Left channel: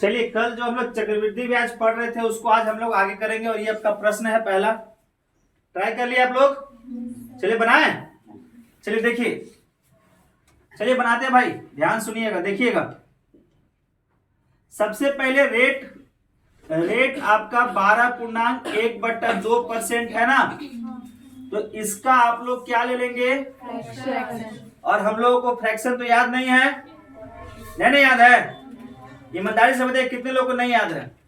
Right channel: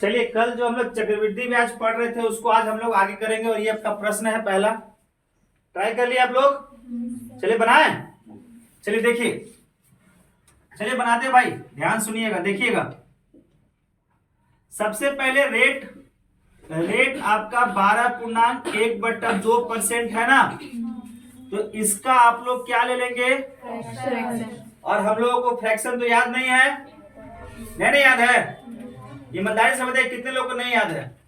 चलिए कल जो हम लोग चक्रवृद्धि ब्याज पढ़ रहे थे उसको आज हम लोग आगे करेंगे और ये आपका प्रश्न है पहला। ट्राई कर लिया आप लोग? चलिए बनाएं। चलिए देखिए, चलिए बनाते हैं भाई, ध्यान सुनिएगा, देखिएगा। सबसे पहले रेट आपका 12.1/2% है ना, तो इसका आप लोग क्या ले लेंगे? और हम लोगों को फ्रैक्शन तो याद नहीं है, नहीं याद है? ईमानदारी से बताइए कितने लोगों को नहीं याद है?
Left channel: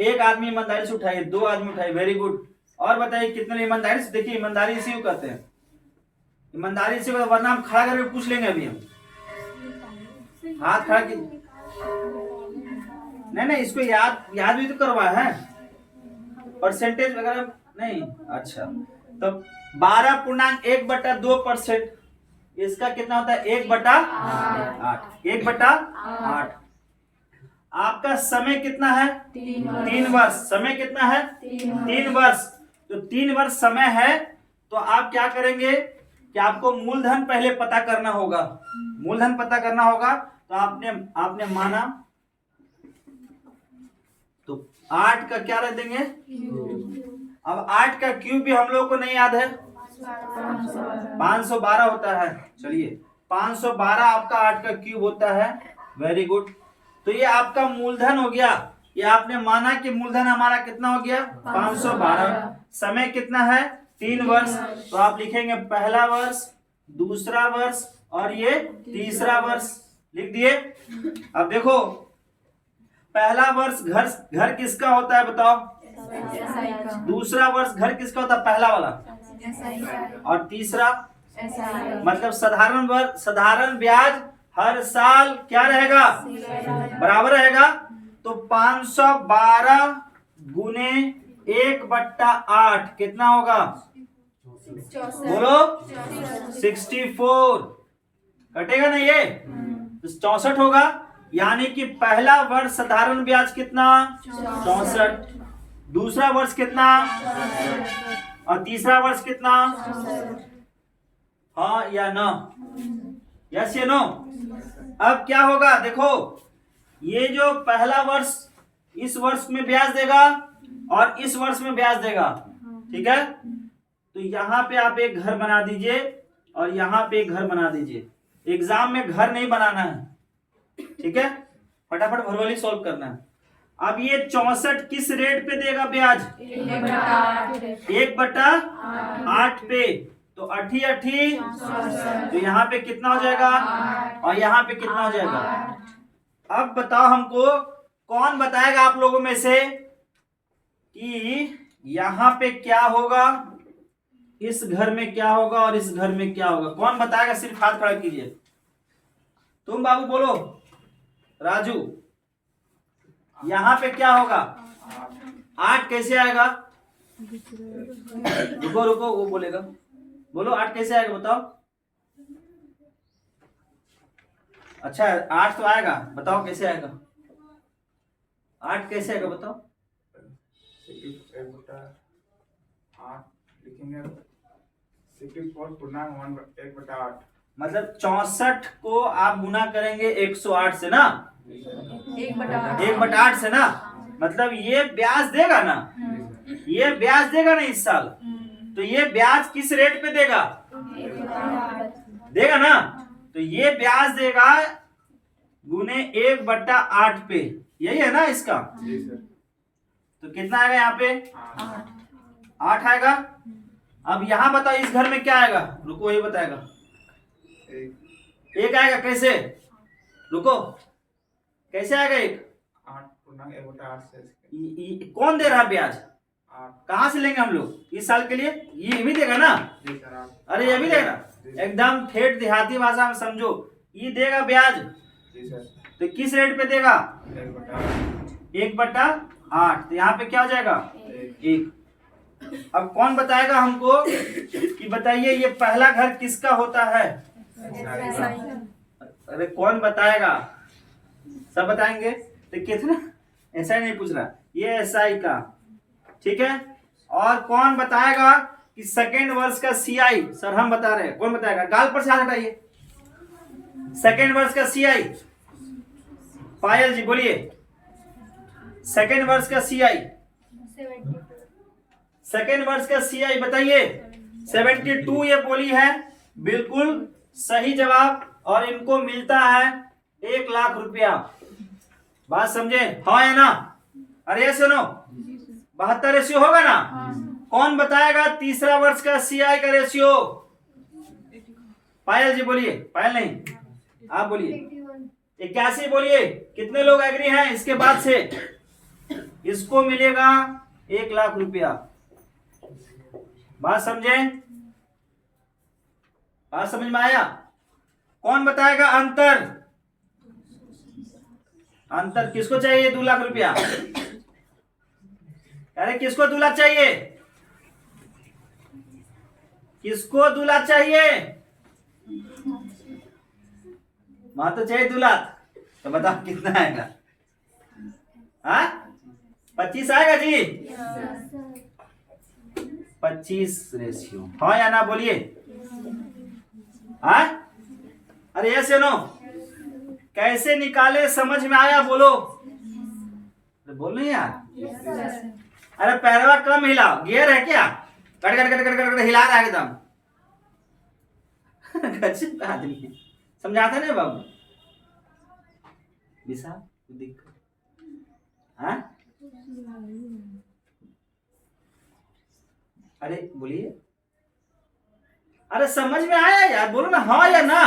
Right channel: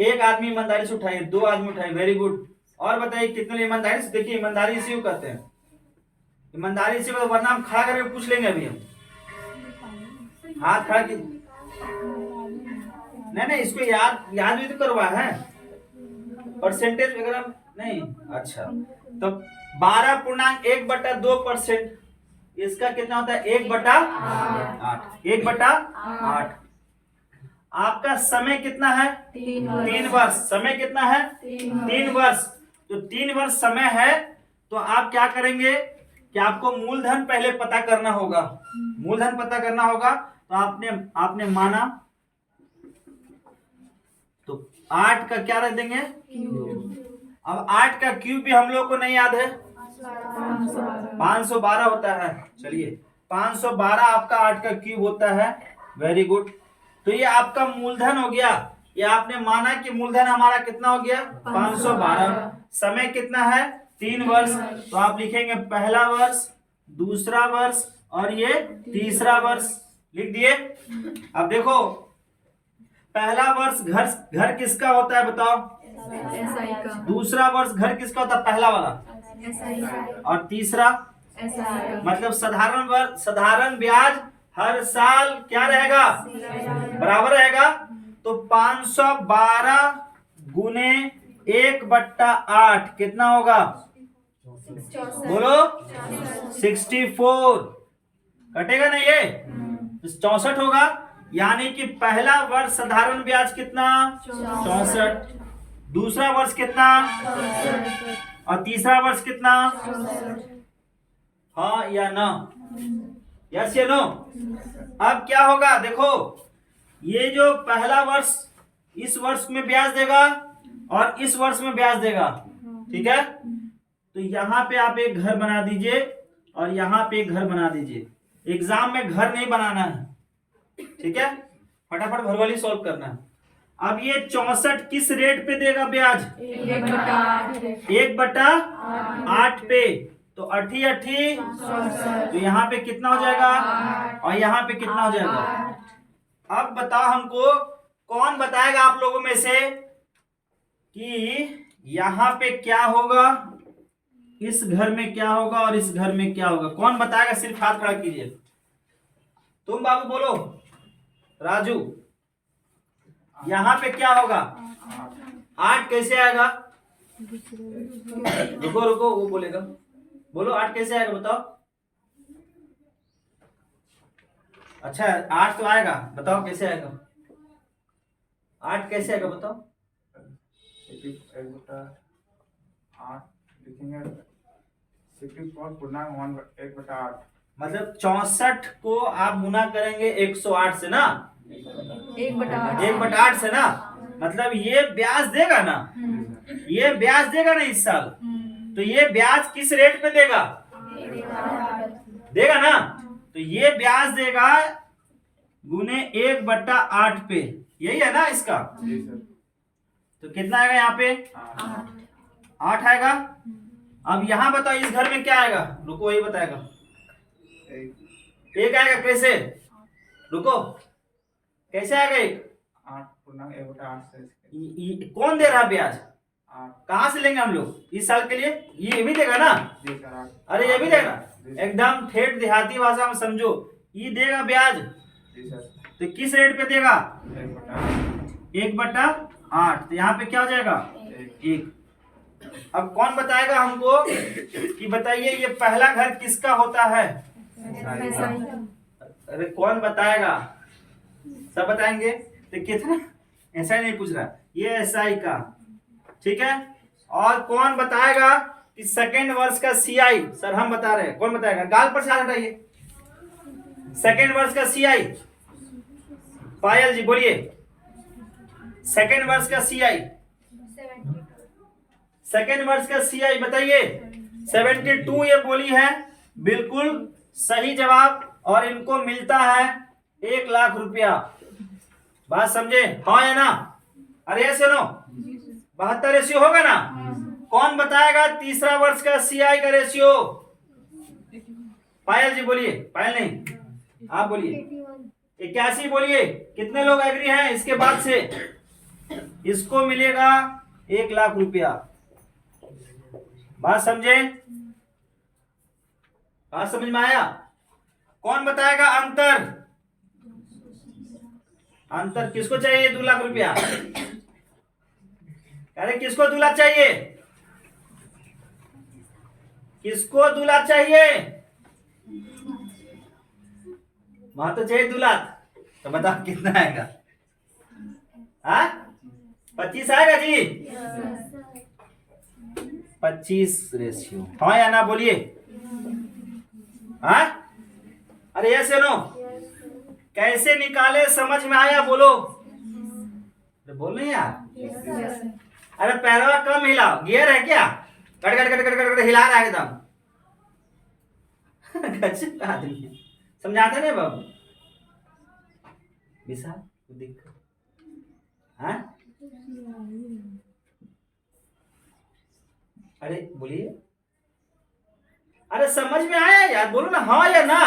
एक आदमी ईमानदारी से उठाइए, 2 आदमी उठाइए, वेरी गुड। और बताइए कितने ईमानदारी से? देखिए ईमानदारी इसी को कहते हैं, ईमानदारी से, वरना हम खड़ा करके पूछ लेंगे अभी हम। हाथ खड़ा की नहीं, इसको याद भी तो करवा है, परसेंटेज वगैरह नहीं। अच्छा, तो 12.1/2%, इसका कितना होता है? 1/8। 1/8। आपका समय कितना है? 3 वर्ष। समय कितना है? 3 वर्ष। तो 3 वर्ष समय है, तो आप क्या करेंगे कि आपको मूलधन पहले पता करना होगा। मूलधन पता करना होगा, तो आपने माना, तो 8 का क्या रख देंगे? अब 8 का क्यूब भी हम लोग को नहीं याद है, 512 होता है। चलिए 512 आपका 8 का क्यूब होता है, वेरी गुड। तो ये आपका मूलधन हो गया। ये आपने माना कि मूलधन हमारा कितना हो गया? 512। समय कितना है? 3 वर्ष। तो आप लिखेंगे पहला वर्ष, दूसरा वर्ष और ये तीसरा वर्ष, लिख दिए। अब देखो, पहला वर्ष घर किसका होता है बताओ? एसआई का। दूसरा वर्ष घर किसका होता है? पहला वाला। एसआई का। और तीसरा एसआई का। मतलब साधारण ब्याज हर साल क्या रहेगा? बराबर रहेगा। तो 512 गुने 1/8 कितना होगा? बोलो 64। कटेगा ना ये? तो 64 होगा। यानी कि पहला वर्ष साधारण ब्याज कितना? 64। दूसरा वर्ष कितना? और तीसरा वर्ष कितना? हाँ या ना? यस या नो? अब क्या होगा देखो, ये जो पहला वर्ष इस वर्ष में ब्याज देगा और इस वर्ष में ब्याज देगा, ठीक है? तो यहाँ पे आप एक घर बना दीजिए और यहाँ पे एक घर बना दीजिए। एग्जाम में घर नहीं बनाना है, ठीक है? फटाफट भरवाली सॉल्व करना है। अब ये 64 किस रेट पे देगा ब्याज? 1/8 पे। तो 8 तो यहाँ पे कितना हो जाएगा? और यहाँ पे कितना हो जाएगा? अब बताओ हमको, कौन बताएगा आप लोगों में से कि यहाँ पे क्या होगा, इस घर में क्या होगा और इस घर में क्या होगा? कौन बताएगा? सिर्फ हाथ खड़ा कीजिए। तुम बाबू बोलो, राजू, यहाँ पे क्या होगा? 8 कैसे आएगा? रुको वो बोलेगा। बोलो 8 कैसे आएगा बताओ। अच्छा 8 तो आएगा, बताओ कैसे आएगा? 8 कैसे आएगा बताओ? 64.1/8। मतलब 64 को आप गुना करेंगे 108 से ना, 1/8 से ना, मतलब ये ब्याज देगा ना, ये ब्याज देगा ना इस साल। तो ये ब्याज किस रेट पे देगा? देगा ना, तो ये ब्याज देगा गुने 1/8 पे, यही है ना इसका? तो कितना आएगा यहाँ पे? 8 आएगा। अब यहाँ बताओ इस घर में क्या आएगा? रुको ये बताएगा। 1 आएगा। कैसे? रुको, कैसे आएगा 1? 8.1/8 से। कौन दे रहा ब्याज? कहाँ से लेंगे हम लोग इस साल के लिए? ये भी देगा ना? जी सर। अरे ये भी देगा, एकदम ठेठ देहाती भाषा में समझो, ये देगा ब्याज। जी सर। तो किस रेट पे देगा? 1/8। तो यहाँ पे क्या हो जाएगा? 1। अब कौन बताएगा हमको कि बताइए ये पहला घर किसका होता है? अरे कौन बताएगा? सब बताएंगे। तो कितना? ऐसा ही नहीं पूछ रहा, ये एसआई का, ठीक है? और कौन बताएगा कि सेकेंड वर्ष का सीआई? सर हम बता रहे हैं, कौन बताएगा? गाल पर से हाथ हटाइए। सेकेंड वर्ष का सीआई पायल जी बोलिए, सेकेंड वर्ष का सीआई, सेकेंड वर्ष का सीआई बताइए। 72 ये बोली है, बिल्कुल सही जवाब। और इनको मिलता है 1 लाख रुपया। बात समझे, हाँ या ना? अरे ऐसे नो 72 रेशियो होगा ना? कौन बताएगा तीसरा वर्ष का सीआई का रेशियो? पायल जी बोलिए, पायल नहीं आप बोलिए। 81 बोलिए। कितने लोग एग्री हैं? इसके बाद से इसको मिलेगा 1 लाख रुपया। बात समझे? बात समझ में आया? कौन बताएगा अंतर? अंतर किसको चाहिए 2 लाख रुपया? अरे किसको 2 लाख चाहिए? किसको 2 लाख चाहिए? वहां तो चाहिए 2 लाख। तो बताओ कितना आएगा? हाँ 25 आएगा जी? 25 रेशियो, हाँ या ना बोलिए? हाँ अरे ऐसे नो कैसे निकाले समझ में आया? बोलो, बोल नहीं यार। अरे पैरवा कम हिला, गियर है क्या? Cut cut cut cut cut cut हिला रहा है एकदम। गजब आदमी, समझाता नहीं बाबू? विशाल दिक्कत, हाँ अरे बोलिए, अरे समझ में आया यार? बोलो ना हाँ या ना।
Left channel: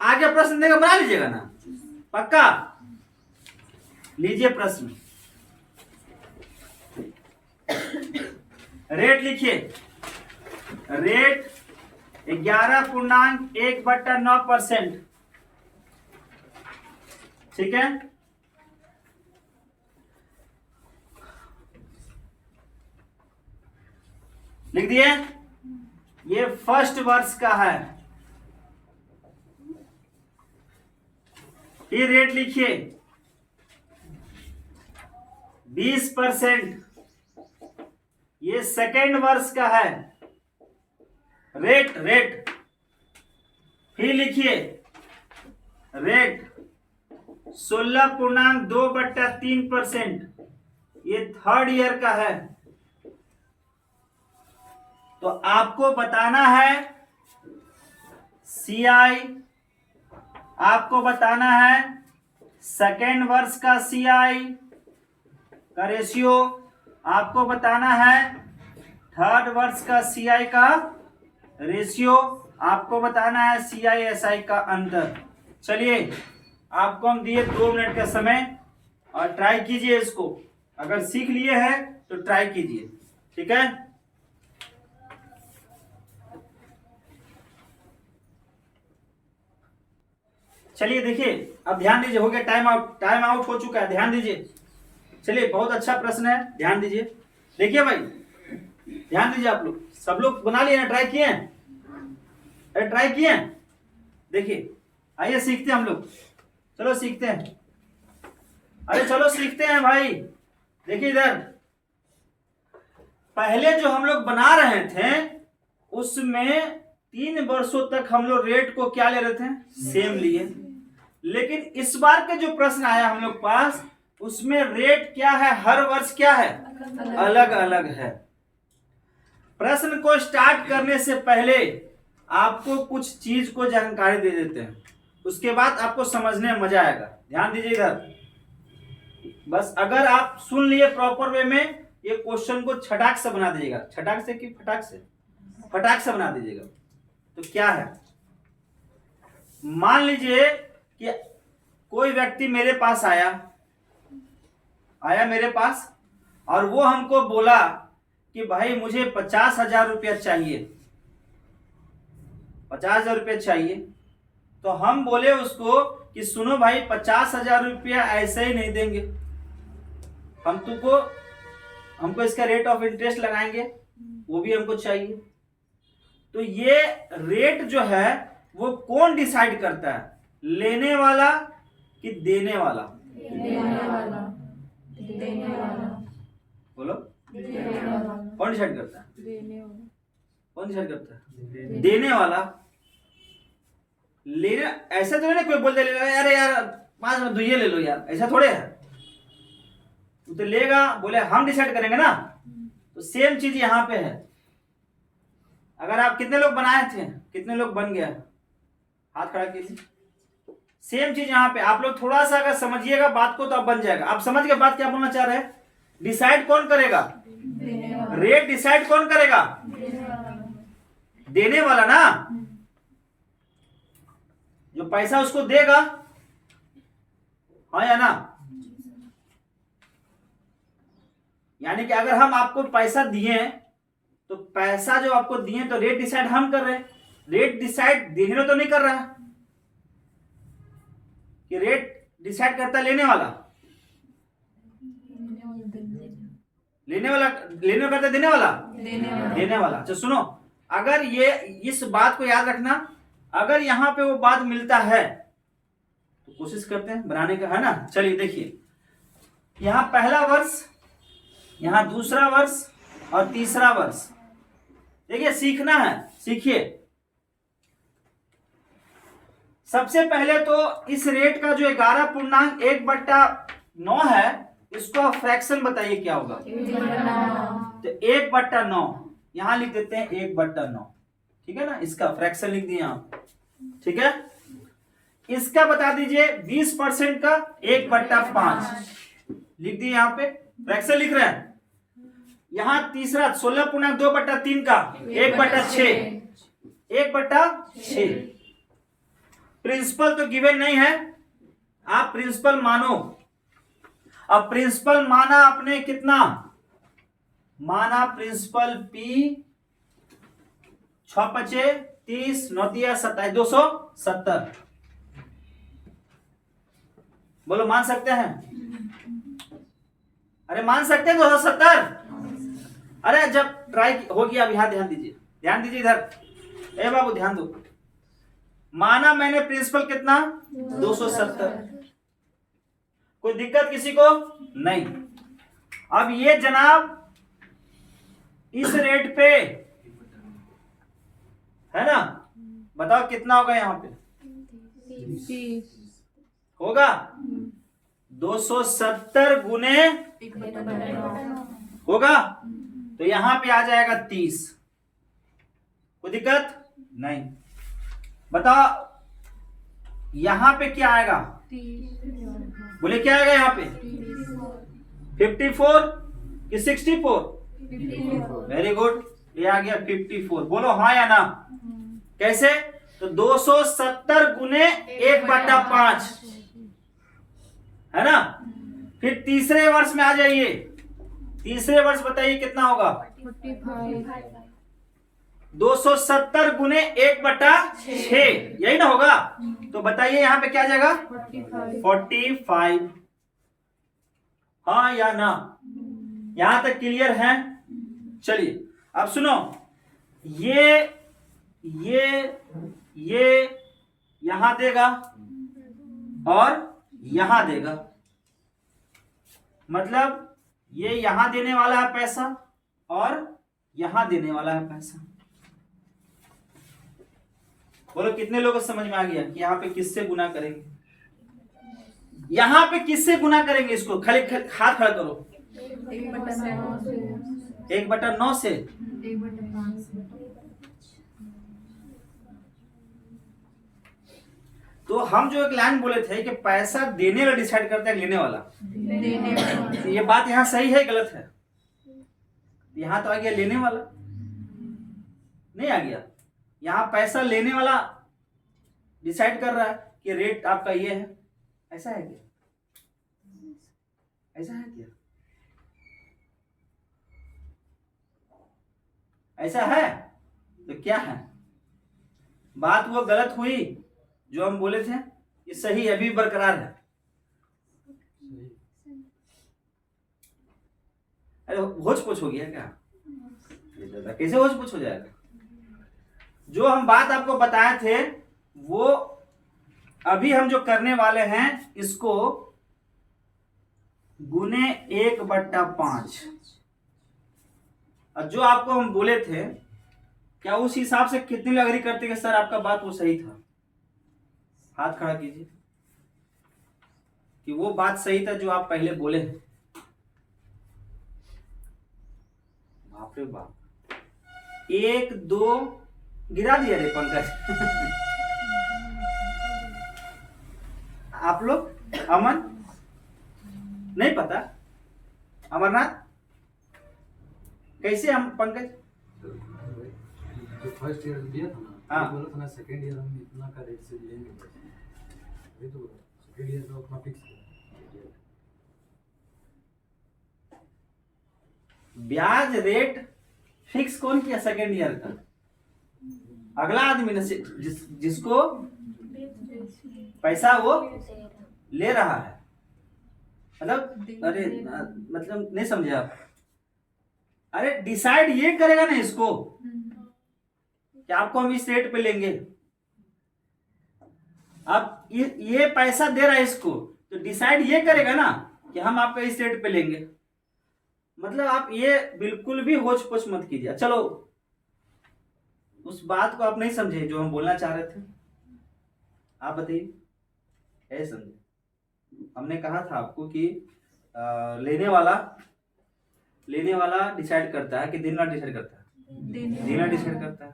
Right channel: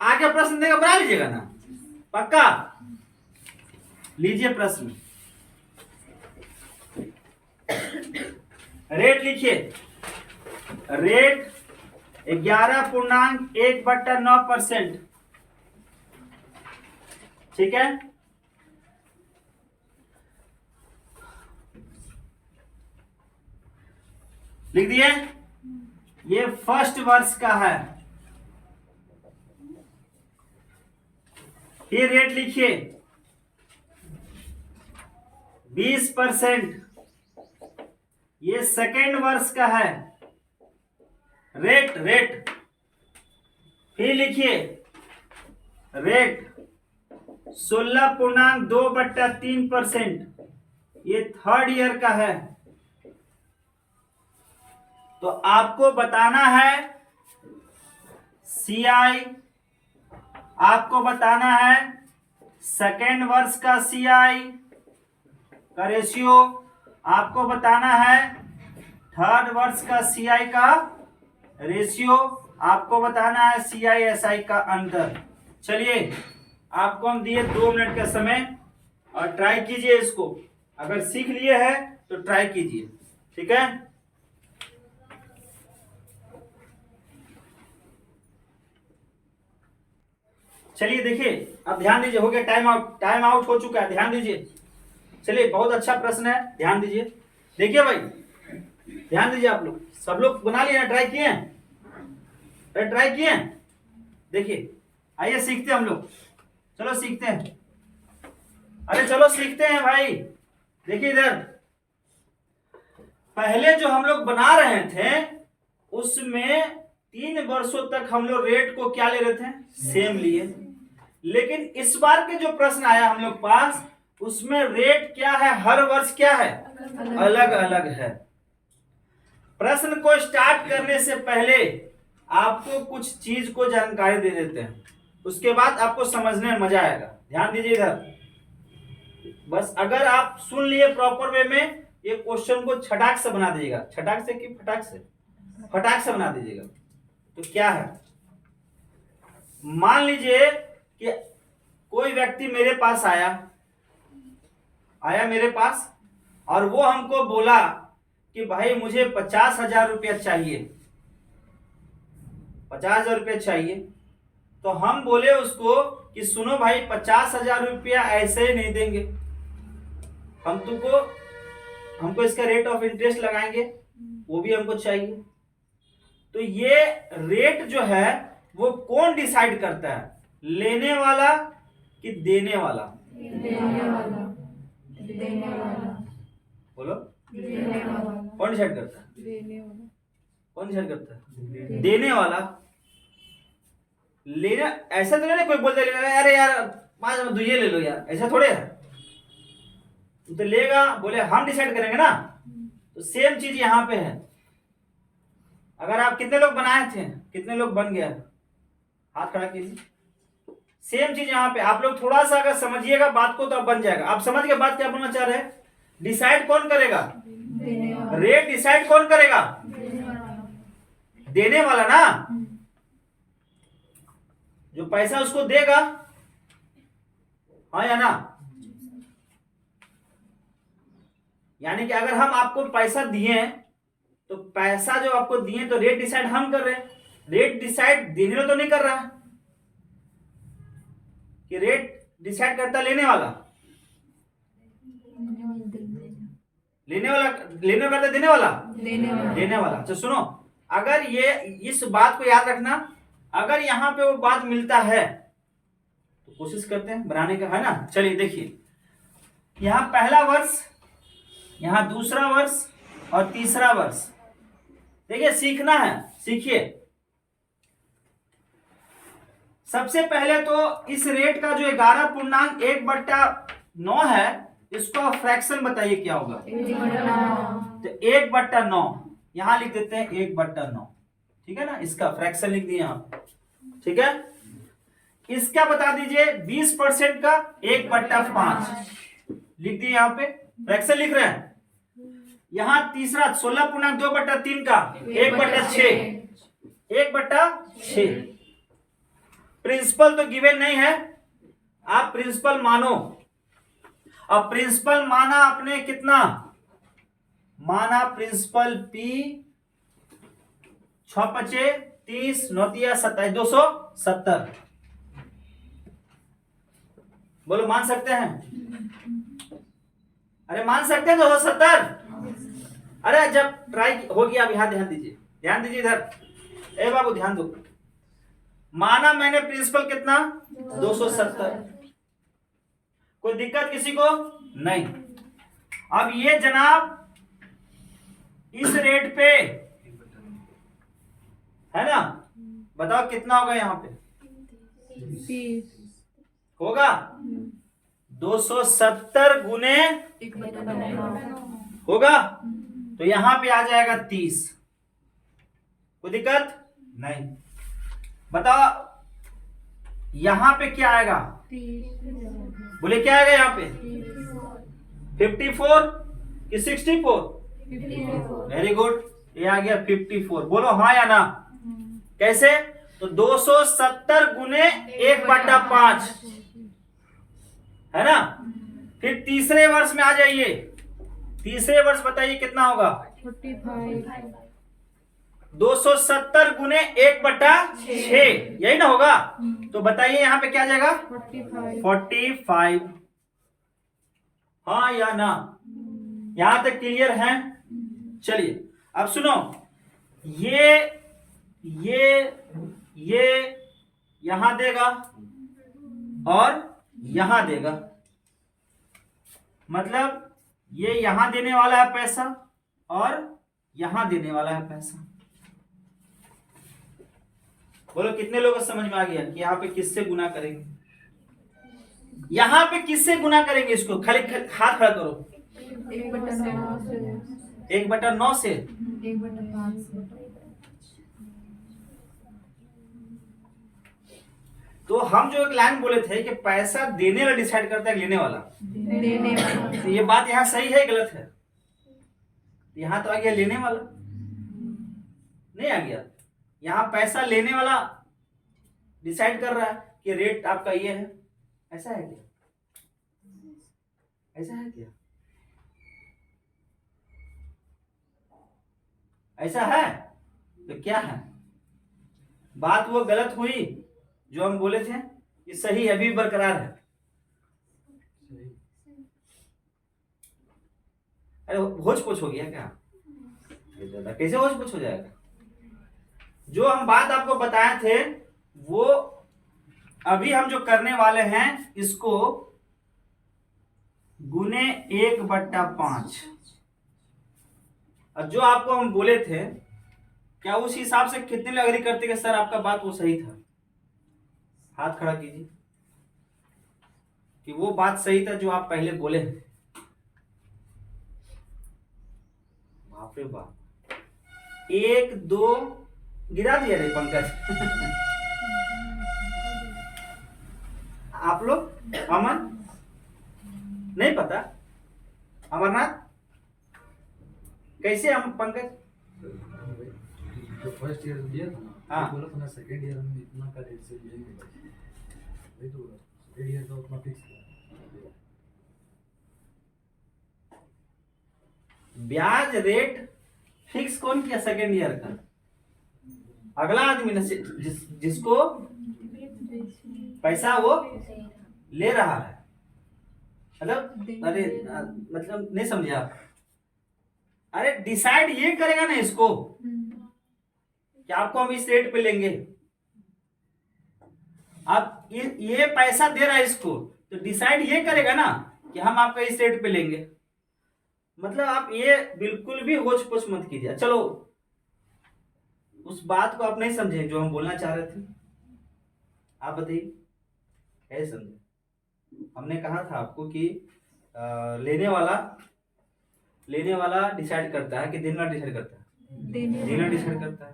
आगे प्रश्न देगा, बना लीजिएगा ना? पक्का? लीजिए प्रश्न, रेट लिखिए। रेट 11.1/9%। ठीक है, लिख दिए? ये फर्स्ट वर्ष का है। फिर रेट लिखिए 20%। ये सेकेंड वर्ष का है। रेट रेट फिर लिखिए रेट 16.2/3%। ये थर्ड ईयर का है। तो आपको बताना है सीआई, आपको बताना है सेकेंड वर्ष का सीआई का रेशियो, आपको बताना है थर्ड वर्ष का सीआई का रेशियो, आपको बताना है सीआई एसआई का अंतर। चलिए आपको हम दिए 2 मिनट का समय और ट्राई कीजिए इसको। अगर सीख लिए हैं तो ट्राई कीजिए, ठीक है? चलिए देखिए, अब ध्यान दीजिए, हो गया टाइम आउट, टाइम आउट हो चुका है, ध्यान दीजिए। चलिए बहुत अच्छा प्रश्न है, ध्यान दीजिए। देखिए भाई, ध्यान दीजिए। आप लोग सब लोग बना लिए ना? ट्राई किए? अरे ट्राई किए? देखिए आइए सीखते हैं हम लोग, चलो सीखते हैं। अरे चलो सीखते हैं भाई। देखिए इधर, पहले जो हम लोग बना रहे थे उसमें 3 वर्षों तक हम लोग रेट को क्या ले रहे थे? सेम लिए। लेकिन इस बार के जो प्रश्न आया हम लोग पास, उसमें रेट क्या है? हर वर्ष क्या है? अलग अलग है। प्रश्न को स्टार्ट करने से पहले आपको कुछ चीज को जानकारी दे देते हैं, उसके बाद आपको समझने में मजा आएगा। ध्यान दीजिए इधर, बस अगर आप सुन लिए प्रॉपर वे में, ये क्वेश्चन को छटाक से बना दीजिएगा। छटाक से कि फटाक से? फटाक से बना दीजिएगा। तो क्या है, मान लीजिए कि कोई व्यक्ति मेरे पास आया मेरे पास, और वो हमको बोला कि भाई मुझे 50,000 रुपया चाहिए, 50,000 रुपया चाहिए। तो हम बोले उसको कि सुनो भाई, 50,000 रुपया ऐसे ही नहीं देंगे, हमको इसका रेट ऑफ इंटरेस्ट लगाएंगे, वो भी हमको चाहिए। तो ये रेट जो है वो कौन डिसाइड करता है? लेने वाला कि देने वाला? देने वाला। देने वाला। बोलो, देने वाला। कौन डिसाइड करता है? देने वाला। कौन डिसाइड करता है? देने वाला। लेना ऐसा तो नहीं कोई बोल दे अरे यार 5 में 2 ये ले लो यार, ऐसा थोड़े है। तो लेगा, बोले हम डिसाइड करेंगे ना, तो सेम चीज यहाँ पे है। अगर आप कितने लोग बनाए थे, कितने लोग बन गया, हाथ खड़ा कीजिए। सेम चीज यहाँ पे, आप लोग थोड़ा सा अगर समझिएगा बात को तो अब बन जाएगा। आप समझ गए बात क्या बोलना चाह रहे हैं? डिसाइड कौन करेगा? देने वाला। रेट डिसाइड कौन करेगा? देने वाला। देने वाला ना, जो पैसा उसको देगा, हाँ या ना? यानी कि अगर हम आपको पैसा दिए तो पैसा जो आपको दिए तो रेट डिसाइड हम कर रहे हैं। रेट डिसाइड देने वाला तो नहीं कर रहा, कि रेट डिसाइड करता लेने वाला, लेने वाला करता देने वाला, देने वाला। देने वाला। तो सुनो, अगर ये इस बात को याद रखना, अगर यहां पे वो बात मिलता है तो कोशिश करते हैं बनाने का, है ना। चलिए देखिए, यहां पहला वर्ष, यहां दूसरा वर्ष और तीसरा वर्ष। देखिए सीखना है, सीखिए। सबसे पहले तो इस रेट का जो 11.1/9 है, इसको आप फ्रैक्शन बताइए क्या होगा। 1/9। तो 1/9 यहां लिख देते हैं, 1/9, ठीक है ना। इसका फ्रैक्शन लिख दिए आप, ठीक है। इसका बता दीजिए 20% का 1/5 लिख दिए, यहां पे फ्रैक्शन लिख रहे हैं। यहां तीसरा 16.2/3 का 1/6, 1/6। प्रिंसिपल तो गिवन नहीं है, आप प्रिंसिपल मानो। अब प्रिंसिपल माना आपने कितना माना? Principal P 6×5 30, 9×3 27, 270। बोलो मान सकते हैं? अरे मान सकते हैं 270? अरे जब ट्राई हो गया, अब यहां ध्यान दीजिए, ध्यान दीजिए इधर। ए बाबू ध्यान दो। माना मैंने प्रिंसिपल कितना? 270। कोई दिक्कत किसी को? नहीं। अब ये जनाब इस रेट पे है ना, बताओ कितना होगा यहाँ पे? 30 होगा 270 गुने 1/9 होगा, तो यहां पे आ जाएगा 30। कोई दिक्कत नहीं। बताओ यहां पे क्या आएगा? 30 बोले क्या आएगा यहाँ पे? 54 कि 64? 54 वेरी गुड, ये आ गया 54। बोलो हाँ या ना? कैसे? तो 270 गुने 1/5 है ना। फिर तीसरे वर्ष में आ जाइए। तीसरे वर्ष बताइए कितना होगा? 45 270 गुने 1/6, यही ना होगा। तो बताइए यहाँ पे क्या आ जाएगा? 45। हाँ या ना? यहां तक क्लियर है? चलिए अब सुनो, ये यहां देगा और यहां देगा, मतलब ये यहां देने वाला है पैसा और यहां देने वाला है पैसा। बोलो कितने लोगों को समझ में आ गया कि यहाँ पे किससे गुना करेंगे? यहां पे किससे गुना करेंगे? इसको खाली हाथ खड़ा करो। 1/9 से 1/9 से 1/5 से। तो हम जो एक लाइन बोले थे कि पैसा देने वाला डिसाइड करता है लेने वाला, देने वाला। तो ये बात यहाँ सही है गलत है? यहाँ तो आ गया लेने वाला, नहीं आ गया? यहाँ पैसा लेने वाला डिसाइड कर रहा है कि रेट आपका ये है। ऐसा है क्या? ऐसा है क्या? ऐसा है? तो क्या है बात? वो गलत हुई जो हम बोले थे, ये सही अभी बरकरार है। अरे होच पोच हो गया क्या? कैसे होच पोच हो जाएगा? जो हम बात आपको बताए थे वो अभी हम जो करने वाले हैं, इसको गुने 1/5। और जो आपको हम बोले थे, क्या उस हिसाब से कितने लोग एग्री करते कि सर आपका बात वो सही था? हाथ खड़ा कीजिए। कि वो बात सही था जो आप पहले बोले। बाप रे बाप, 1 2 गिरा दिया रे पंकज। आप लोग अमन नहीं पता, अमरनाथ कैसे हम पंकज? जो फर्स्ट ईयर दिया था ना, हाँ। वो बोला था ना सेकंड ईयर हम इतना का रेट से लेंगे बस, वही तो बोला सेकंड ईयर का उतना फिक्स किया। ब्याज रेट फिक्स कौन किया सेकेंड ईयर का? अगला आदमी ने जिसको पैसा वो ले रहा है, मतलब अरे मतलब नहीं समझे आप? अरे डिसाइड ये करेगा ना इसको कि आपको हम इस रेट पे लेंगे। आप ये पैसा दे रहा है इसको, तो डिसाइड ये करेगा ना कि हम आपका इस रेट पे लेंगे। मतलब आप ये बिल्कुल भी होच पोच मत कीजिए। चलो, उस बात को आप नहीं समझे जो हम बोलना चाह रहे थे, आप बताइए कैसे समझे? हमने कहा था आपको कि लेने वाला डिसाइड करता है कि देने वाला डिसाइड करता है? देने वाला डिसाइड करता है।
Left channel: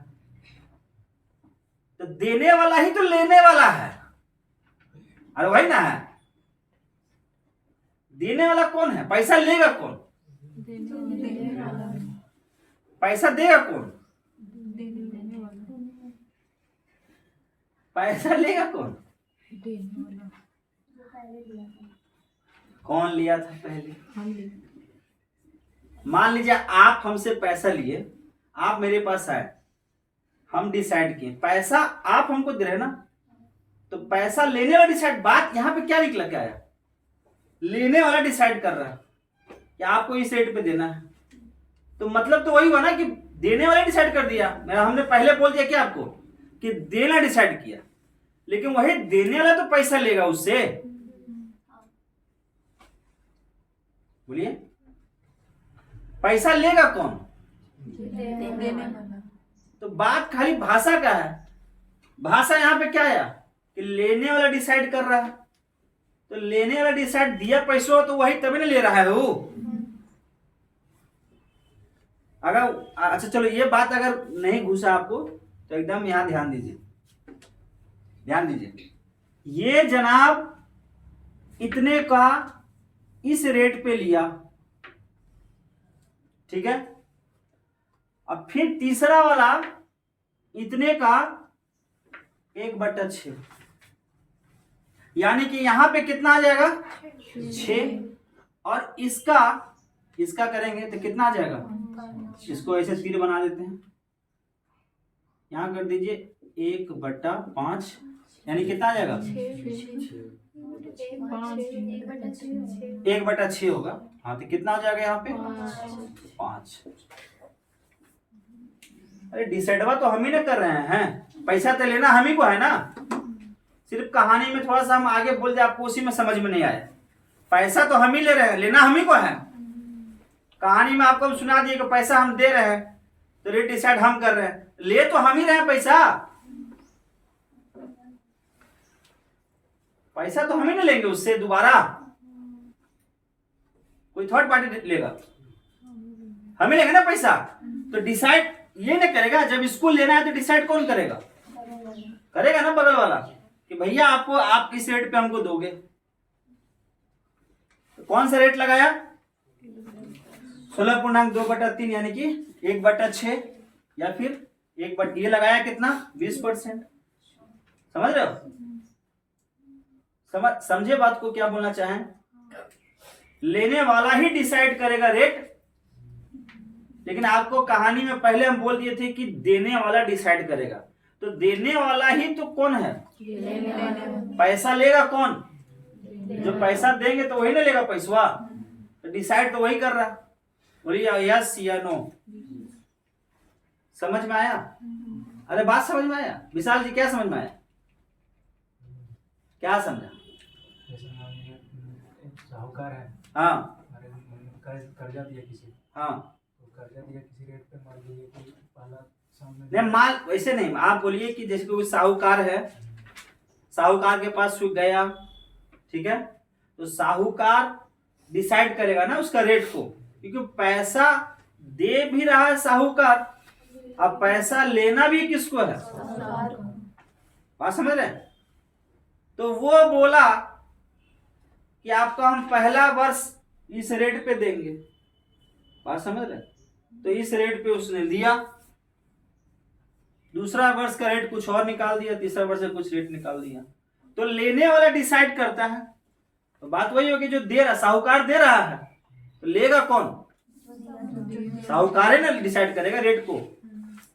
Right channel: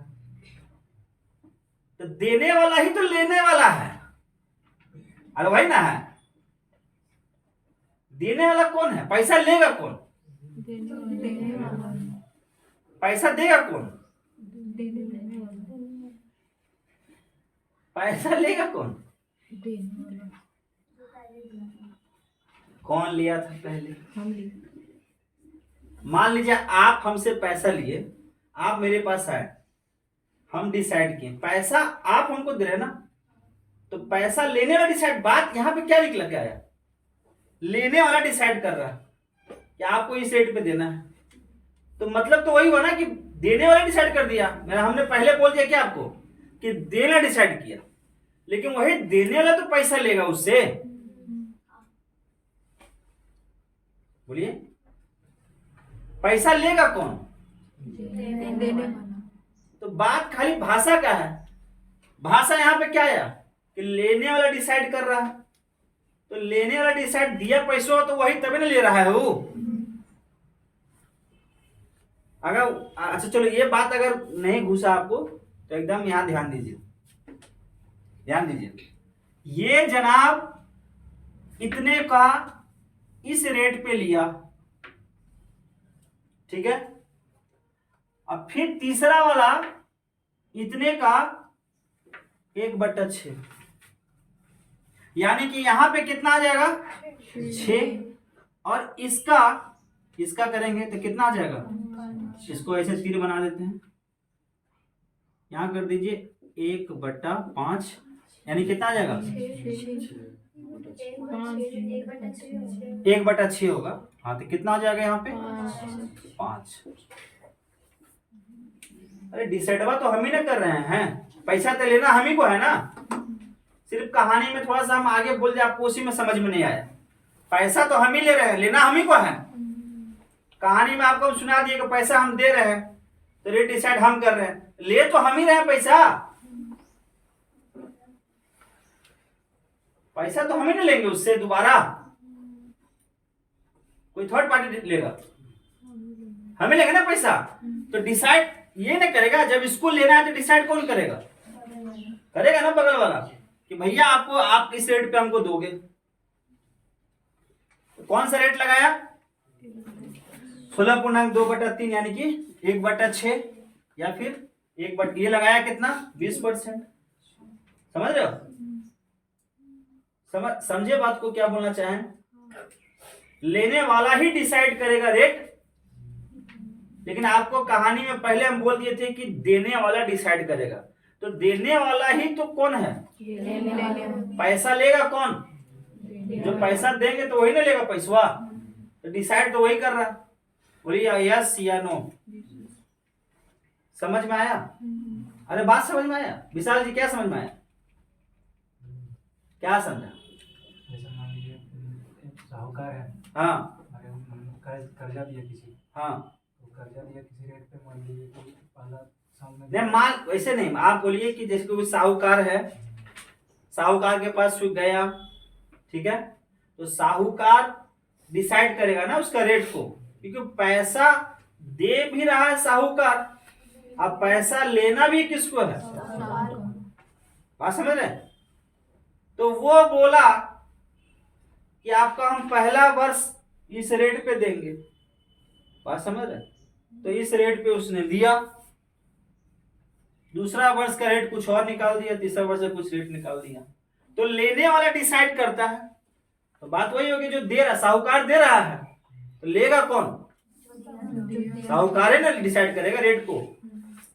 तो देने वाला ही तो लेने वाला है, अरे भाई ना है। देने वाला कौन है? पैसा लेगा कौन? देने वाला, पैसा देगा कौन? देने वाला, पैसा लेगा कौन? देने वाला। कौन लिया था पहले? हम ले, मान लीजिए आप हमसे पैसा लिए, आप मेरे पास आए, हम डिसाइड किए, पैसा आप हमको दे रहे ना, तो पैसा लेने वाला डिसाइड। बात यहां पे क्या निकला, क्या है? लेने वाला डिसाइड कर रहा है कि आपको इस रेट पे देना है। तो मतलब तो वही हुआ ना कि देने वाला डिसाइड कर दिया। हमने पहले बोल दिया क्या आपको कि देना डिसाइड किया, लेकिन वही देने वाला तो पैसा लेगा उससे। बोलिए, पैसा लेगा कौन? देने वाला। तो बात खाली भाषा का है। भाषा यहां पे क्या आया कि लेने वाला डिसाइड कर रहा है। तो लेने वाला डिसाइड दिया पैसों, तो वही तभी ना ले रहा है वो। अगर अच्छा चलो, ये बात अगर नहीं घुसा आपको तो एकदम यहां ध्यान दीजिए, ध्यान दीजिए। ये जनाब इतने का इस रेट पे लिया, ठीक है। अब फिर तीसरा वाला इतने का 1/6, यानी कि यहां पे कितना आ जाएगा? 6। और इसका करेंगे तो कितना आ जाएगा? इसको ऐसे तीर बना देते हैं, यहां कर दीजिए 1/5, यानी कितना आ जाएगा? 1/6 होगा। हाँ, तो कितना हो जाएगा यहाँ पे? 5। अरे डिसाइडवा तो हम ही ना कर रहे हैं, पैसा तो लेना हम ही को है ना। सिर्फ कहानी में थोड़ा सा हम आगे बोल दिया, आपको उसी में समझ में नहीं आया। पैसा तो हम ही ले रहे हैं, लेना हम ही को है। कहानी में आपको सुना दिए कि पैसा हम दे रहे हैं, तो रेट डिसाइड हम कर रहे हैं, ले तो हम ही रहे हैं पैसा। पैसा तो हम ही नहीं लेंगे उससे दोबारा, कोई थर्ड पार्टी लेगा, हम ही लेंगे ना पैसा। तो डिसाइड ये नहीं करेगा, जब इसको लेना है तो डिसाइड कौन करेगा? करेगा ना बगल वाला कि भैया आपको, आप इस रेट पे हमको दोगे। तो कौन सा रेट लगाया? 16.2/3, यानी कि 1/6, या फिर ये लगाया कितना? 20%। समझ रहे हो? समझे बात को, क्या बोलना चाहें? लेने वाला ही डिसाइड करेगा रेट, लेकिन आपको कहानी में पहले हम बोल दिए थे कि देने वाला डिसाइड करेगा। तो देने वाला ही तो कौन है? पैसा लेगा कौन? जो पैसा देंगे तो वही ना लेगा पैसा। तो डिसाइड तो वही कर रहा। बोलिए यस या नो। समझ में आया? अरे बात समझ में आया? विशाल जी क्या समझ में आया? क्या समझा? जैसे मान लीजिए साहूकार है, हाँ कर्जा दिया किसी, हाँ, तो कर्जा दिया किसी रेट पे, मान लीजिए कि पहला सामने नहीं माल वैसे नहीं, आप बोलिए कि जैसे कोई साहूकार है, साहूकार के पास गया, ठीक है, तो साहूकार डिसाइड करेगा ना उसका रेट को, क्योंकि पैसा दे भी रहा है साहूकार, अब पैसा लेना भी किसको है, बात समझ रहे हैं। तो वो बोला कि आपको हम पहला वर्ष इस रेट पे देंगे, बात समझ रहे हैं। तो इस रेट पे उसने दिया, दूसरा वर्ष का रेट कुछ और निकाल दिया, तीसरा वर्ष का कुछ रेट निकाल दिया। तो लेने वाला डिसाइड करता है, तो बात वही होगी जो दे रहा, साहूकार दे रहा है, तो लेगा कौन, साहूकार ने डिसाइड करेगा रेट को।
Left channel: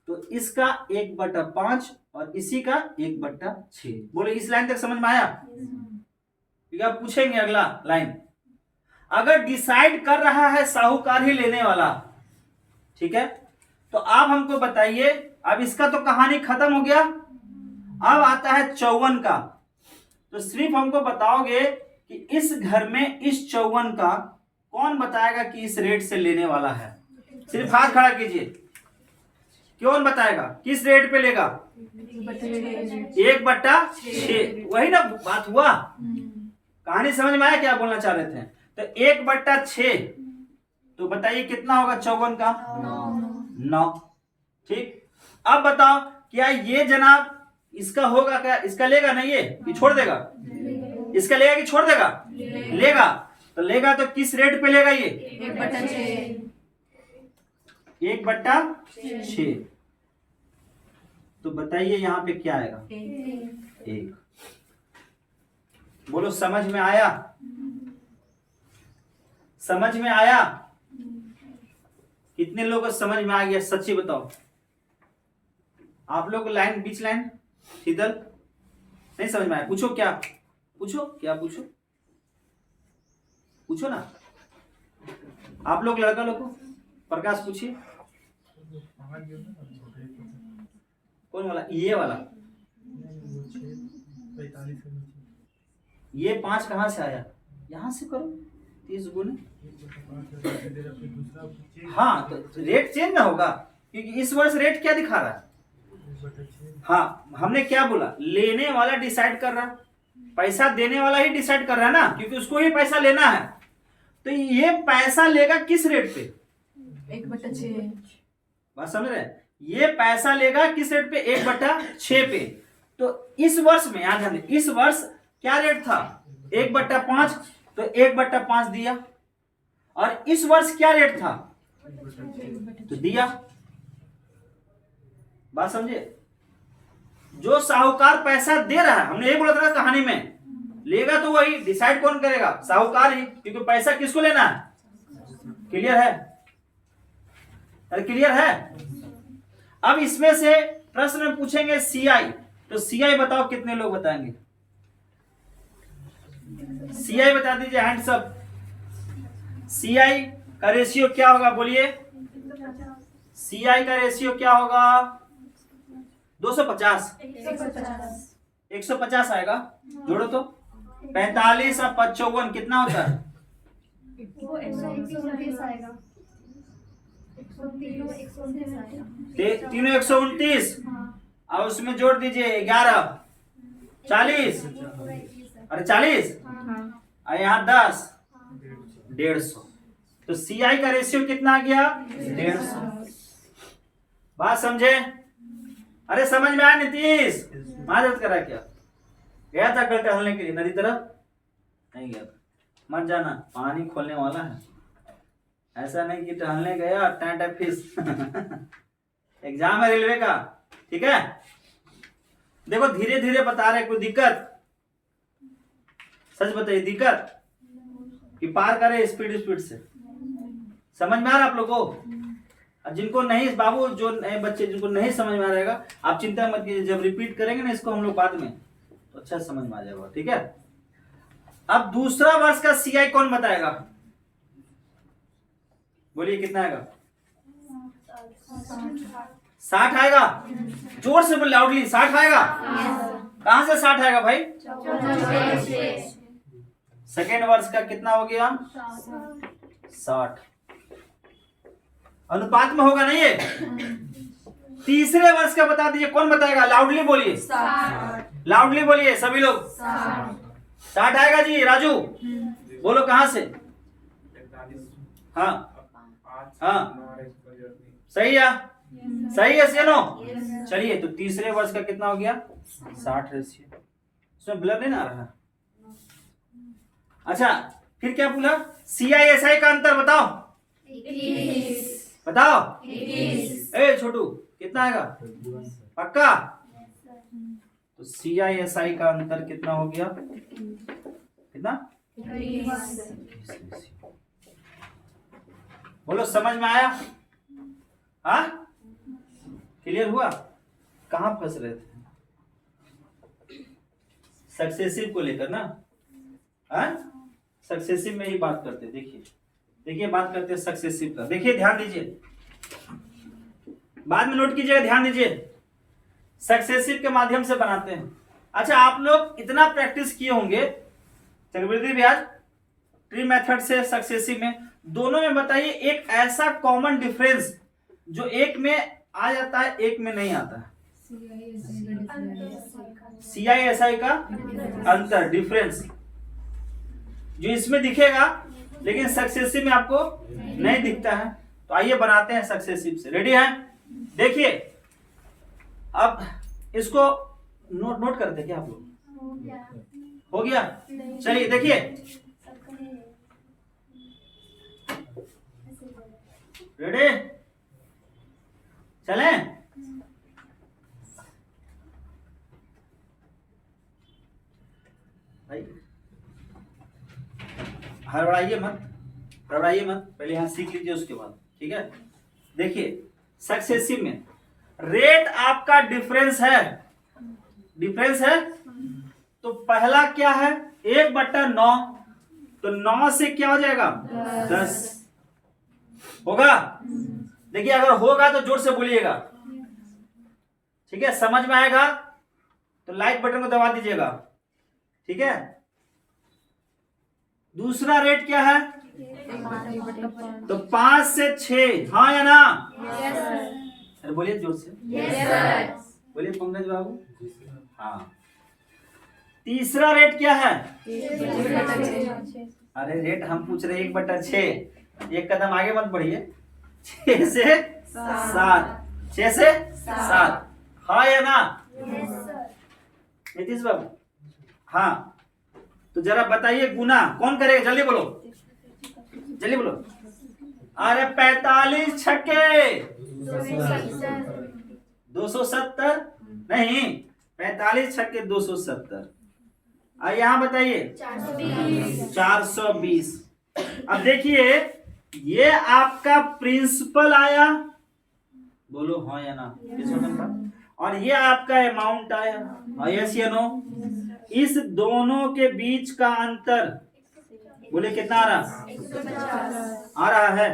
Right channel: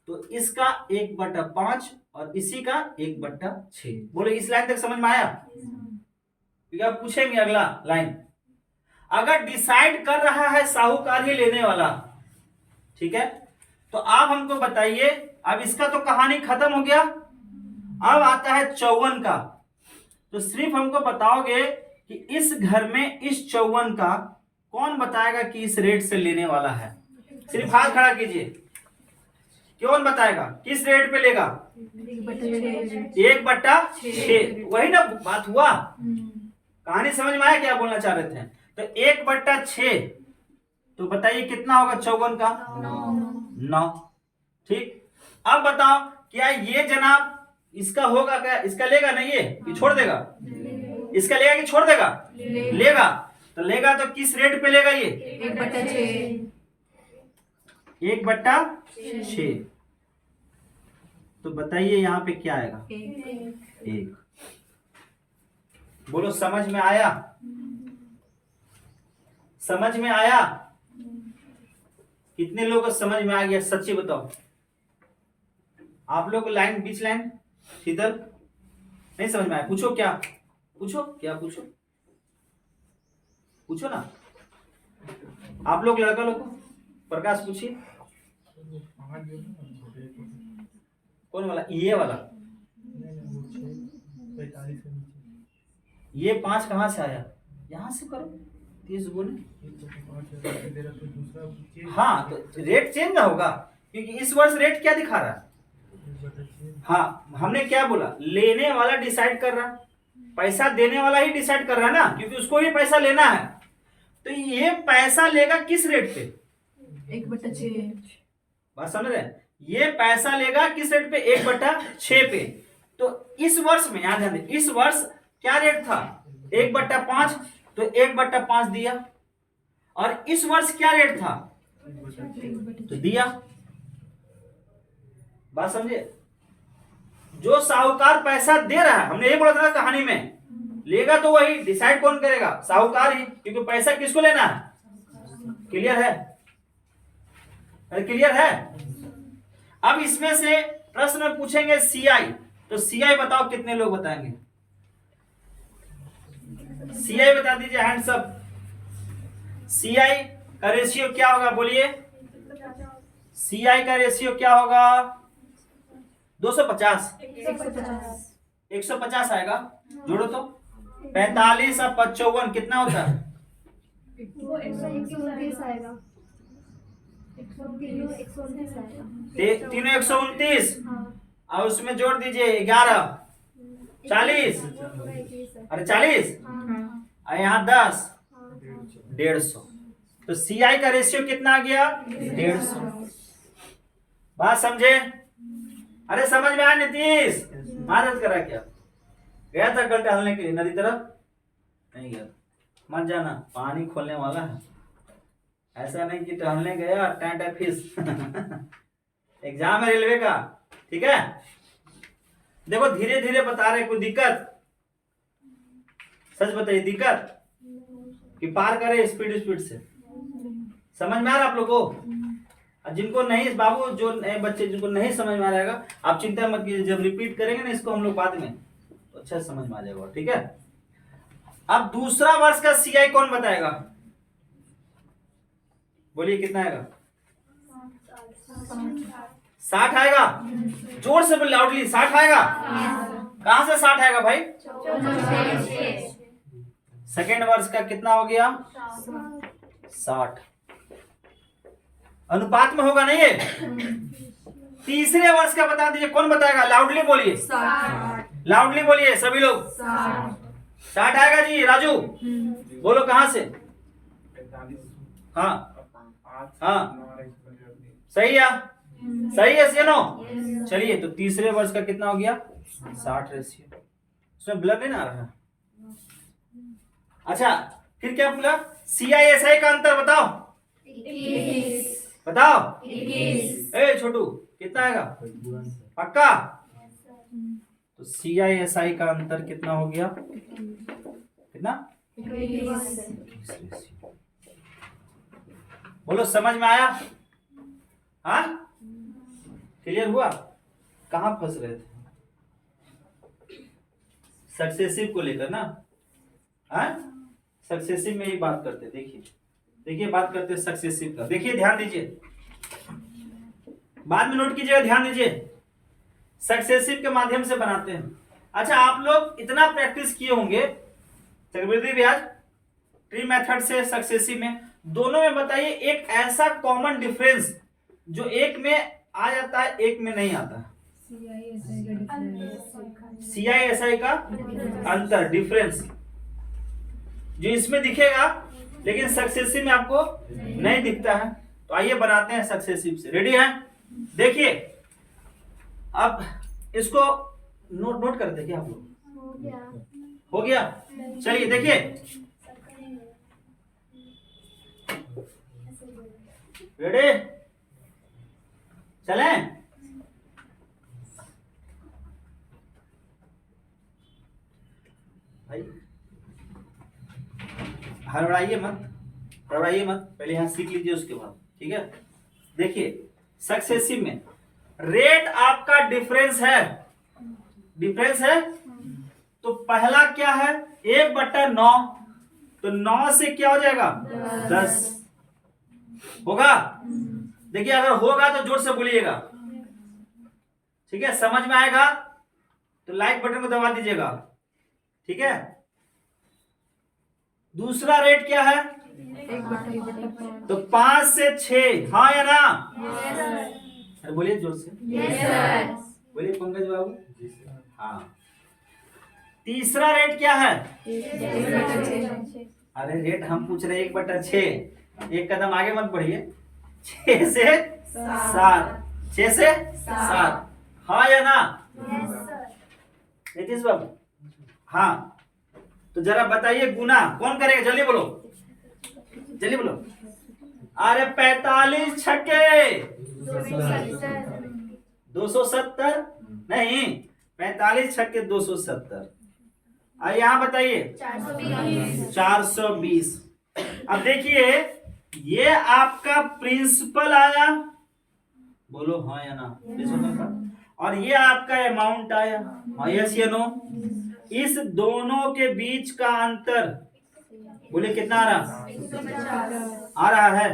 तो इसका 1/5 और इसी का 1/6। बोले इस लाइन तक समझ में आया? क्योंकि आप पूछेंगे अगला लाइन, अगर डिसाइड कर रहा है साहूकार ही लेने वाला, ठीक है, तो आप हमको बताइए, अब इसका तो कहानी खत्म हो गया, अब आता है 54 का। तो सिर्फ हमको बताओगे कि इस घर में इस 54 का कौन बताएगा कि इस रेट से लेने वाला है? सिर्फ हाथ खड़ा कीजिए, कौन बताएगा किस रेट पे लेगा? 1/6। वही ना बात हुआ, कहानी समझ में आया क्या बोलना चाह रहे थे? तो 1/6, तो बताइए कितना होगा 54 का? 9। ठीक, अब बताओ क्या ये जनाब इसका होगा क्या? इसका लेगा ना ये, कि छोड़ देगा? इसका लेगा कि छोड़ देगा? लेगा। तो लेगा तो किस रेट पे लेगा ये? 1/6। तो बताइए यहाँ पे क्या आएगा? 1। बोलो समझ में आया? समझ में आया? कितने लोगों को समझ में आ गया? सच्ची बताओ। आप लोग को लाइन, बीच लाइन शीतल नहीं समझ में आया? पूछो क्या पूछो, क्या पूछो, पूछो ना। आप लोग लड़का लोग को, प्रकाश पूछिए। कौन वाला? ये वाला। ये 5 कहां से आया? यहां से करो, 30 गुने। हाँ, तो रेट चेंज ना होगा, क्योंकि इस वर्ष रेट क्या दिखा रहा है? हाँ, हमने क्या बोला? लेने वाला डिसाइड कर रहा है, पैसा देने वाला ही डिसाइड कर रहा है ना, क्योंकि उसको ही पैसा लेना है। तो ये पैसा लेगा किस रेट पे? 1/6। बात समझ रहे हैं? ये पैसा लेगा किस रेट पे? 1/6 पे। तो इस वर्ष में याद रखिए, इस वर्ष क्या रेट था? 1/5, तो 1/5 दिया। और इस वर्ष क्या रेट था? तो दिया। बात समझे? जो साहूकार पैसा दे रहा है, हमने ये बोला था ना कहानी में, लेगा तो वही, डिसाइड कौन करेगा? साहूकार ही, क्योंकि पैसा किसको लेना है? क्लियर है? अरे क्लियर है? अब इसमें से प्रश्न में पूछेंगे सीआई, तो सीआई बताओ, कितने लोग बताएंगे? सीआई बता दीजिए, हैंड्स अप। सीआई का रेशियो क्या होगा? बोलिए, सीआई का रेशियो क्या होगा? 250। 150 आएगा, जोड़ो तो। 45 और 55 कितना होता है? वो 129 आएगा। 3 129, और उसमें जोड़ दीजिए 11, 40। अरे 40, और यहाँ 10, 150। तो सीआई का रेशियो कितना आ गया? 150। बात समझे? अरे समझ में आया नीतीश? मदद करा क्या? गया था कल टहलने के लिए नदी तरफ? नहीं गया था, मत जाना, पानी खोलने वाला है। ऐसा नहीं कि टहलने गया टाटा फिश। एग्जाम है रेलवे का, ठीक है? देखो धीरे धीरे बता रहे, कोई दिक्कत? सच बताइए, दिक्कत कि पार करे स्पीड से? समझ में आ रहा आप लोगों को? जिनको नहीं, बाबू जो नए बच्चे जिनको नहीं समझ में आ रहेगा, आप चिंता मत कीजिए, जब रिपीट करेंगे ना इसको हम लोग बाद में, तो अच्छा समझ में आ जाएगा, ठीक है? अब दूसरा वर्ष का सीआई कौन बताएगा? बोलिए कितना आएगा? 60 आएगा। जोर से बोल, लाउडली। 60 आएगा। कहां से 60 आएगा भाई? सेकेंड वर्ष का कितना हो गया? 60। अनुपात में होगा नहीं ये? तीसरे वर्ष का बता दीजिए, कौन बताएगा? लाउडली बोलिए, लाउडली बोलिए सभी लोग। 60 आएगा जी राजू, बोलो कहाँ से? 45 हाँ 8 हाँ 9 रेशियो 3। सही है, सही है सीनो। चलिए तो तीसरे वर्ष का कितना हो गया? 60 रेशियो। उसमें ब्लर नहीं ना आ रहा। अच्छा फिर क्या बोला? CISI का अंतर बताओ, बताओ। ए छोटू कितना आएगा? पक्का? तो CISI का अंतर कितना हो गया? कितना? बोलो समझ में आया? हाँ क्लियर हुआ? कहाँ फंस रहे थे? सक्सेसिव को लेकर ना, हाँ सक्सेसिव में ही बात करते। देखिए देखिए बात करते सक्सेसिव का। देखिए ध्यान दीजिए, बाद में नोट कीजिएगा, ध्यान दीजिए। सक्सेसिव के माध्यम से बनाते हैं। अच्छा आप लोग इतना प्रैक्टिस किए होंगे चक्रवृद्धि ब्याज ट्री मेथड से सक्सेसिव में, दोनों में बताइए एक ऐसा कॉमन डिफरेंस जो एक में आ जाता है एक में नहीं आता है। CISI का अंतर, डिफरेंस जो इसमें दिखेगा लेकिन सक्सेसिव में आपको नहीं दिखता है। तो आइए बनाते हैं सक्सेसिव से। रेडी है? देखिए अब इसको नोट करते क्या आप लोग? हो गया। हो गया? चलिए देखिए, रेडी चलें? भाई हड़बड़ाइए मत, हड़बड़ाइए मत, पहले यहाँ सीख लीजिए उसके बाद, ठीक है? देखिए सक्सेसिव में रेट आपका डिफरेंस है, डिफरेंस है। तो पहला क्या है? 1/9, तो 9 से क्या हो जाएगा? 10 होगा। देखिए अगर होगा तो जोर से बोलिएगा, ठीक है? समझ में आएगा तो लाइक बटन को दबा दीजिएगा, ठीक है? दूसरा रेट क्या है? 1/5। तो 5 से 6, हाँ या ना? अरे बोलिए जोर से, बोलिए पंकज बाबू। हाँ। तीसरा रेट क्या है? 1/6। अरे रेट हम पूछ रहे 1/6, एक कदम आगे मत बढ़िए। 6 से 7, 6 से 7, हाँ या ना? नीतीश बाबू हाँ। तो जरा बताइए गुना कौन करेगा? जल्दी बोलो, जल्दी बोलो। अरे 45 छक्के 270 नहीं, 45 छक्के 270। अब यहाँ बताइए 420। अब देखिए ये आपका प्रिंसिपल आया, बोलो हाँ या ना? और ये आपका अमाउंट आया, हाँ यस या नो? इस दोनों के बीच का अंतर बोले कितना आ रहा? आ रहा है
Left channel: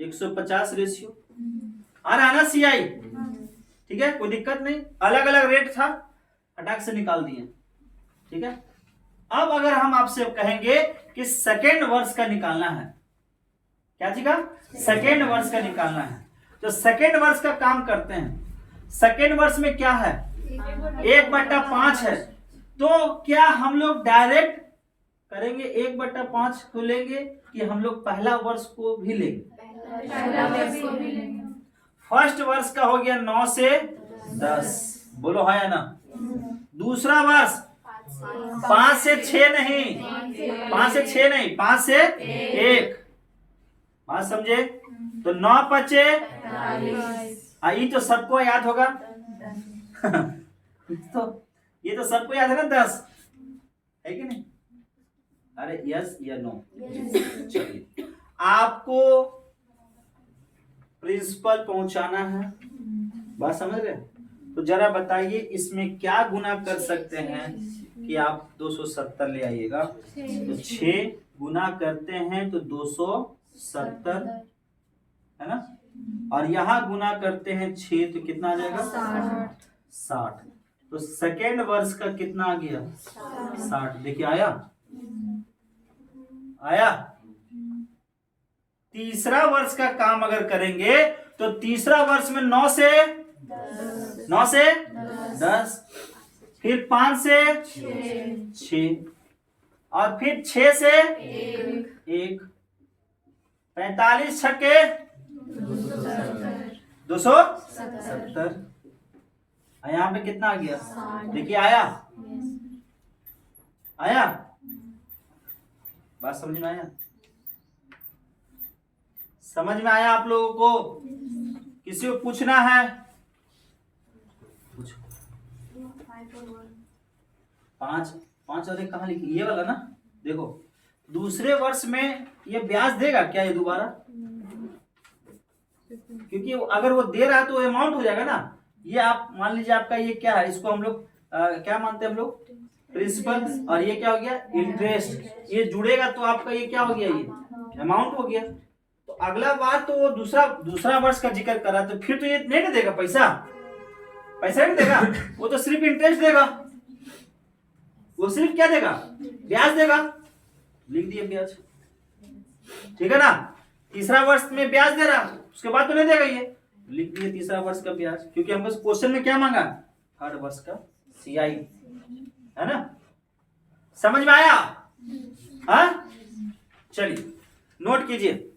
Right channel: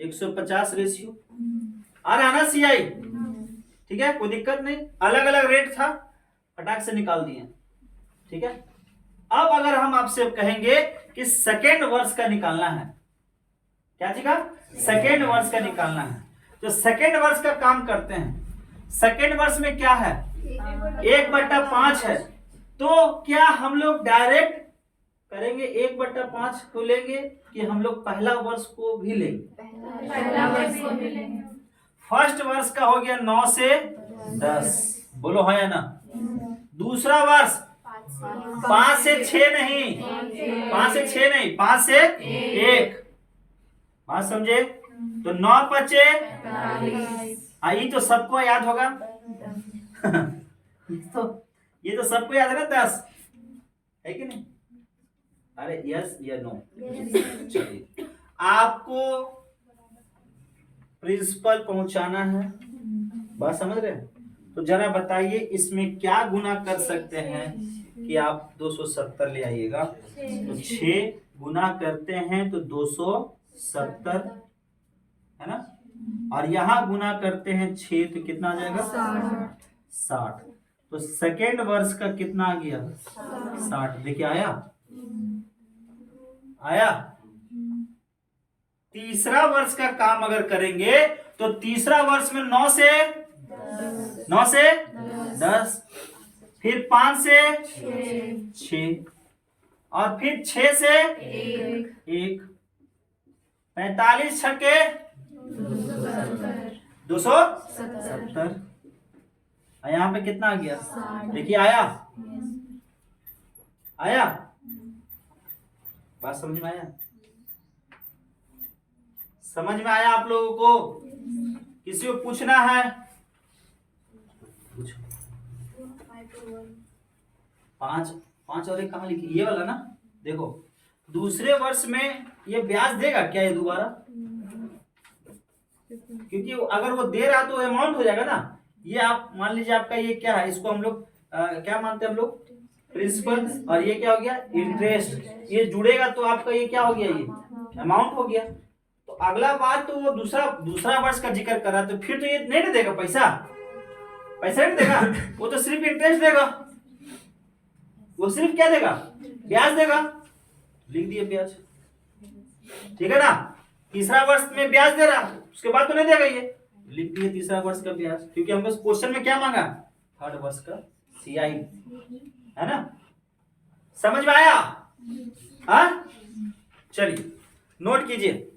150 रेशियो आ रहा है ना CI? ठीक है, कोई दिक्कत नहीं। अलग अलग रेट था, फटाक से निकाल दिए, ठीक है? अब अगर हम आपसे कहेंगे कि सेकेंड वर्ष का निकालना है, क्या चीज का? सेकेंड वर्ष का निकालना है, तो सेकेंड वर्ष का काम करते हैं। सेकेंड वर्ष में क्या है? 1/5 है। तो क्या हम लोग डायरेक्ट करेंगे 1/5 को लेंगे कि हम लोग पहला वर्ष को भी लेंगे? फर्स्ट वर्ष का हो गया 9 से 10, बोलो हाँ या ना? दूसरा वर्ष 5 से 6 नहीं, 5 से 6 नहीं, 5 से 1, बात समझे? तो 9 बचे, ये तो सबको याद होगा। तो ये तो सबको याद है ना 10, है कि नहीं? अरे यस या नो? चलिए आपको प्रिंसिपल पहुंचाना है, बात समझ रहे? तो जरा बताइए इसमें क्या गुना कर सकते हैं कि आप 270 ले आइएगा। तो 6 गुना करते हैं तो 270 है ना, और यहाँ गुना करते हैं 6 तो कितना आ जाएगा? 60। तो सेकेंड वर्ष का कितना आ गया? 60। देखिए आया, आया। तीसरा वर्ष का काम अगर करेंगे तो तीसरा वर्ष में 9 से 10, फिर 5 से 6, और फिर 6 से एक 1, 45 छक्के 270। और यहाँ पे कितना आ गया? देखिए आया, आया, बात समझ में आया? समझ में आया आप लोगों को? किसी को पूछना है? पूछो। 5 और 1 कहाँ लिखी? ये वाला ना। देखो दूसरे वर्ष में ये ब्याज देगा क्या ये दोबारा? क्योंकि अगर वो दे रहा है तो अमाउंट हो जाएगा ना। ये आप मान लीजिए आपका ये क्या है, इसको हम लोग क्या मानते हैं हम लोग? प्रिंसिपल। और ये क्या हो गया? इंटरेस्ट। ये जुड़ेगा तो आपका ये क्या हो गया? ये अमाउंट हो गया। तो अगला बार तो वो दूसरा वर्ष का जिक्र कर रहा, तो फिर तो ये नहीं ना देगा पैसा, पैसा नहीं देगा, वो तो सिर्फ इंटरेस्ट देगा। वो सिर्फ क्या देगा? ब्याज देगा। लिख दिए ब्याज, ठीक है ना। तीसरा वर्ष में ब्याज दे रहा, उसके बाद तो नहीं देगा ये, लिख दिए तीसरा वर्ष का ब्याज, क्योंकि हमको क्वेश्चन में क्या मांगा? थर्ड वर्ष का CI, है ना। समझ में आया? हाँ, चलिए नोट कीजिए।